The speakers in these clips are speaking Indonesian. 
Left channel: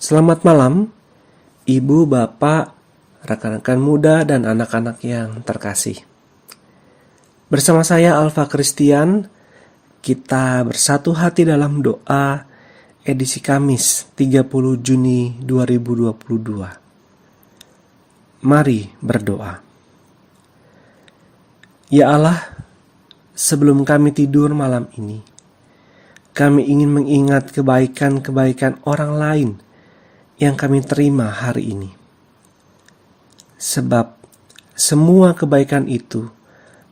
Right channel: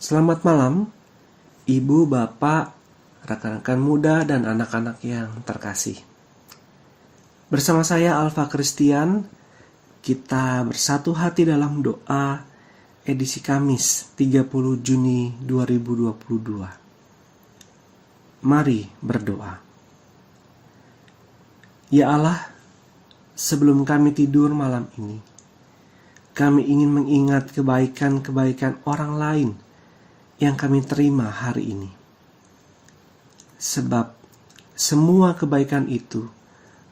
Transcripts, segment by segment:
Selamat malam, Ibu, Bapak, rekan-rekan muda, dan anak-anak yang terkasih. Bersama saya Alfa Christian, kita bersatu hati dalam doa edisi Kamis 30 Juni 2022. Mari berdoa. Ya Allah, sebelum kami tidur malam ini, kami ingin mengingat kebaikan-kebaikan orang lain yang kami terima hari ini. Sebab semua kebaikan itu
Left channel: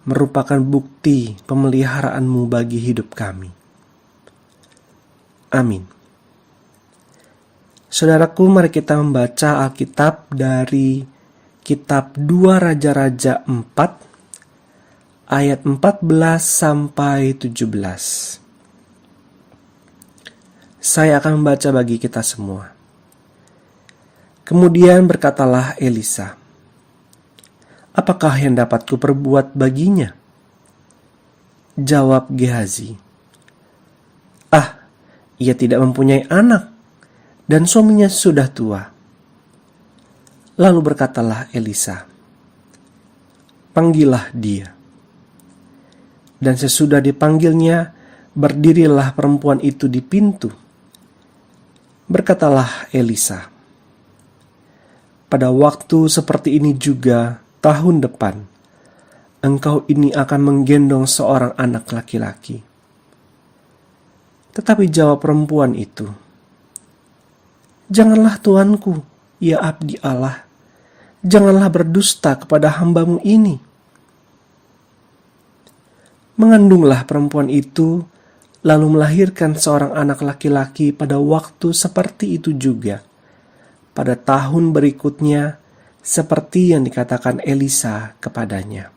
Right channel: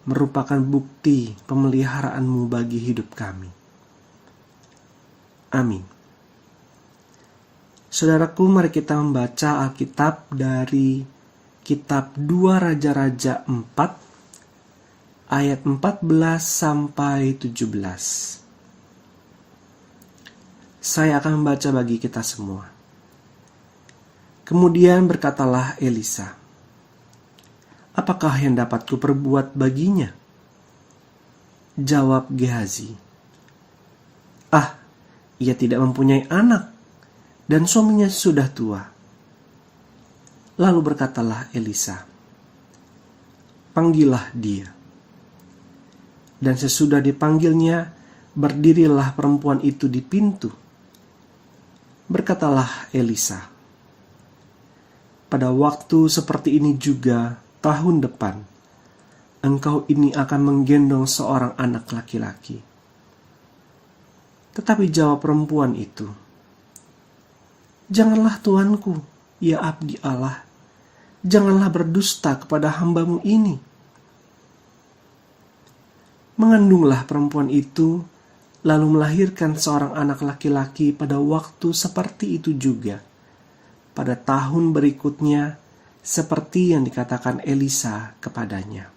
merupakan bukti pemeliharaanmu bagi hidup kami. Amin. Saudaraku, mari kita membaca Alkitab dari kitab 2 Raja-Raja 4 ayat 14 sampai 17. Saya akan membaca bagi kita semua. Kemudian berkatalah Elisa, "Apakah yang dapat kuperbuat baginya?" Jawab Gehazi, ia tidak mempunyai anak, dan suaminya sudah tua." Lalu berkatalah Elisa, "Panggillah dia." Dan sesudah dipanggilnya, berdirilah perempuan itu di pintu. Berkatalah Elisa, "Pada waktu seperti ini juga tahun depan, engkau ini akan menggendong seorang anak laki-laki." Tetapi jawab perempuan itu, "Janganlah tuanku, ya abdi Allah, janganlah berdusta kepada hambamu ini." Mengandunglah perempuan itu, lalu melahirkan seorang anak laki-laki pada waktu seperti itu juga, pada tahun berikutnya, seperti yang dikatakan Elisa kepadanya.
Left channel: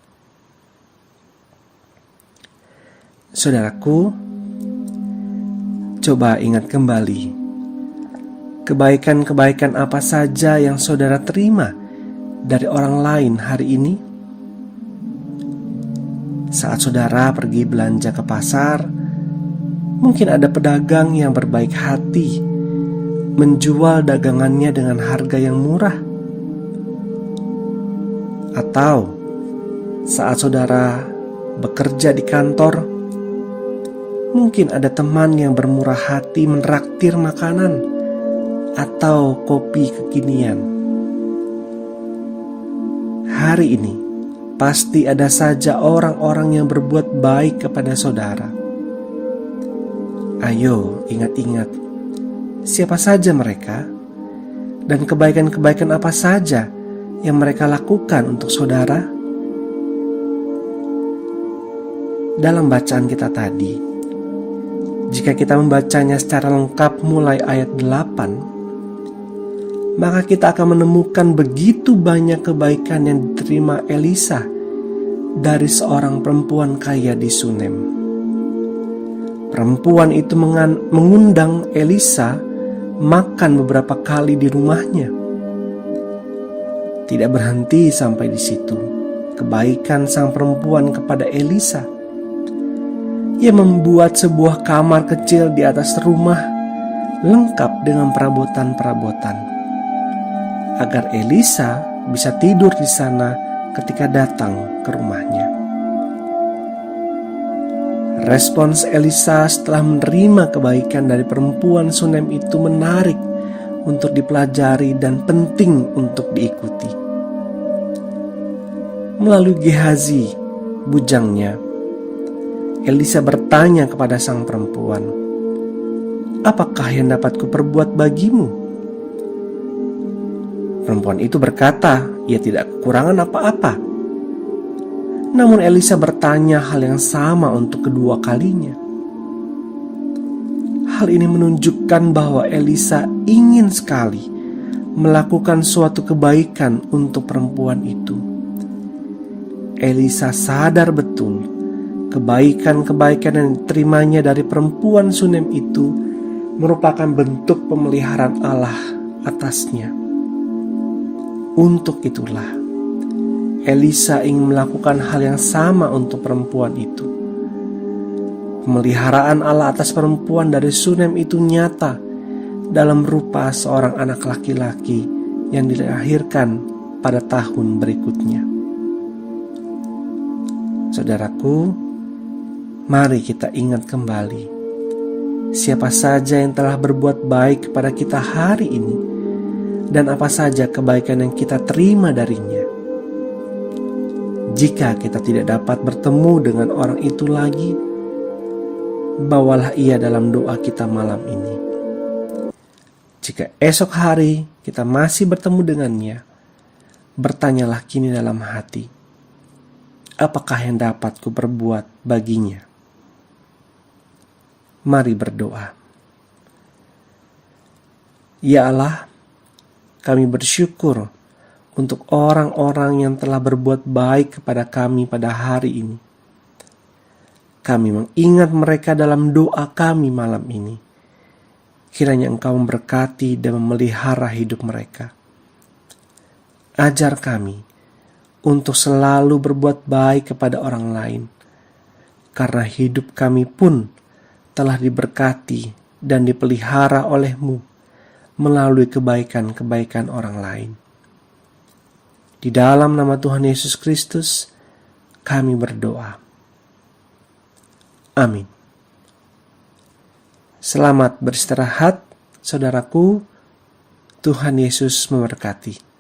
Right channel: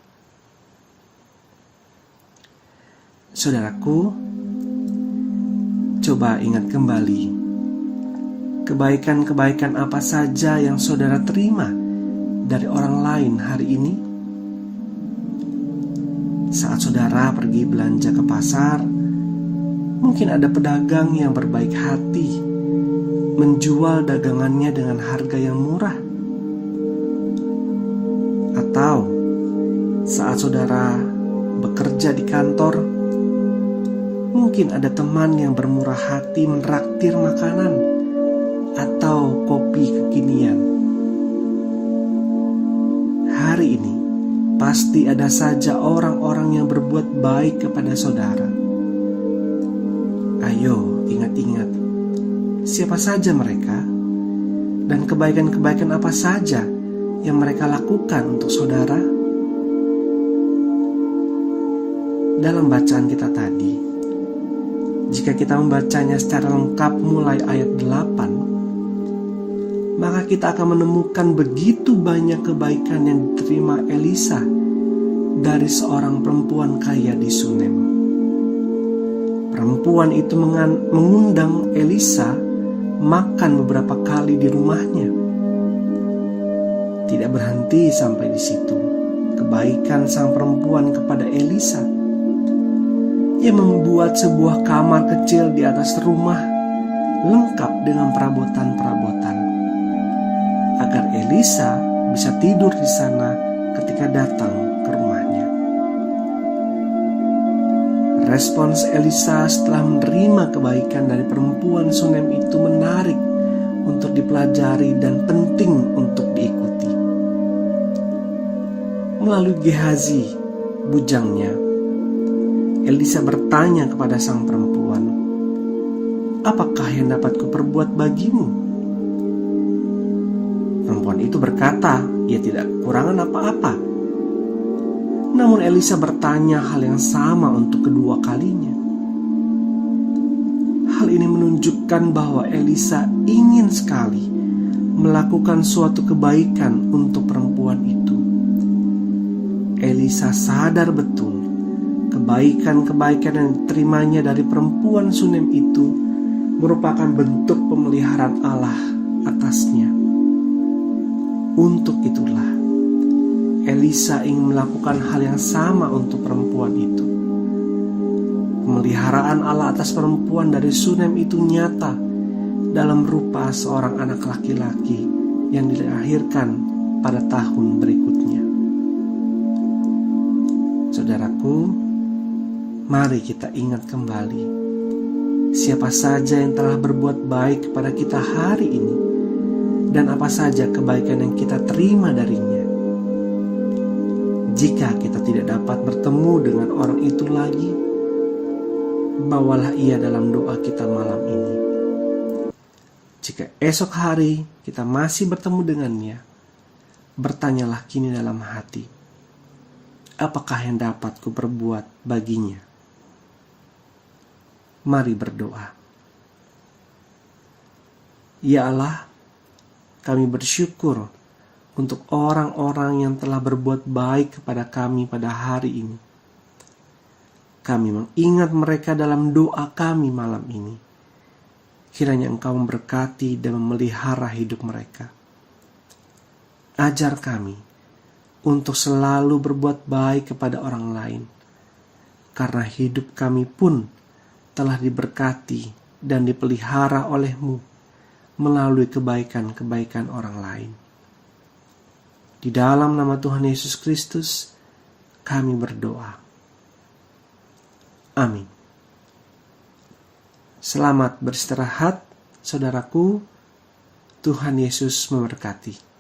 Saudaraku, coba ingat kembali, kebaikan-kebaikan apa saja yang saudara terima dari orang lain hari ini? Saat saudara pergi belanja ke pasar, mungkin ada pedagang yang berbaik hati menjual dagangannya dengan harga yang murah. Atau saat saudara bekerja di kantor, mungkin ada teman yang bermurah hati menraktir makanan atau kopi kekinian. Hari ini pasti ada saja orang-orang yang berbuat baik kepada saudara. Ayo ingat-ingat, siapa saja mereka dan kebaikan-kebaikan apa saja yang mereka lakukan untuk saudara. Dalam bacaan kita tadi, jika kita membacanya secara lengkap mulai ayat 8, maka kita akan menemukan begitu banyak kebaikan yang diterima Elisa dari seorang perempuan kaya di Sunem. Perempuan itu mengundang Elisa makan beberapa kali di rumahnya. Tidak berhenti sampai di situ kebaikan sang perempuan kepada Elisa. Ia membuat sebuah kamar kecil di atas rumah, lengkap dengan perabotan-perabotan, agar Elisa bisa tidur di sana ketika datang ke rumahnya. Respons Elisa setelah menerima kebaikan dari perempuan Sunem itu menarik untuk dipelajari dan penting untuk diikuti. Melalui Gehazi, bujangnya, Elisa bertanya kepada sang perempuan, "Apakah yang dapat kuperbuat bagimu?" Perempuan itu berkata, ia tidak kekurangan apa-apa. Namun Elisa bertanya hal yang sama untuk kedua kalinya. Hal ini menunjukkan bahwa Elisa ingin sekali melakukan suatu kebaikan untuk perempuan itu. Elisa sadar betul kebaikan-kebaikan yang diterimanya dari perempuan Sunem itu merupakan bentuk pemeliharaan Allah atasnya. Untuk itulah Elisa ingin melakukan hal yang sama untuk perempuan itu. Pemeliharaan Allah atas perempuan dari Sunem itu nyata dalam rupa seorang anak laki-laki yang dilahirkan pada tahun berikutnya. Saudaraku, mari kita ingat kembali siapa saja yang telah berbuat baik kepada kita hari ini dan apa saja kebaikan yang kita terima darinya. Jika kita tidak dapat bertemu dengan orang itu lagi, bawalah ia dalam doa kita malam ini. Jika esok hari kita masih bertemu dengannya, bertanyalah kini dalam hati, apakah yang dapat kuperbuat baginya? Mari berdoa. Ya Allah, kami bersyukur untuk orang-orang yang telah berbuat baik kepada kami pada hari ini. Kami mengingat mereka dalam doa kami malam ini. Kiranya Engkau memberkati dan memelihara hidup mereka. Ajar kami untuk selalu berbuat baik kepada orang lain, karena hidup kami pun telah diberkati dan dipelihara oleh-Mu melalui kebaikan-kebaikan orang lain. Di dalam nama Tuhan Yesus Kristus, kami berdoa. Amin. Selamat beristirahat, saudaraku. Tuhan Yesus memberkati.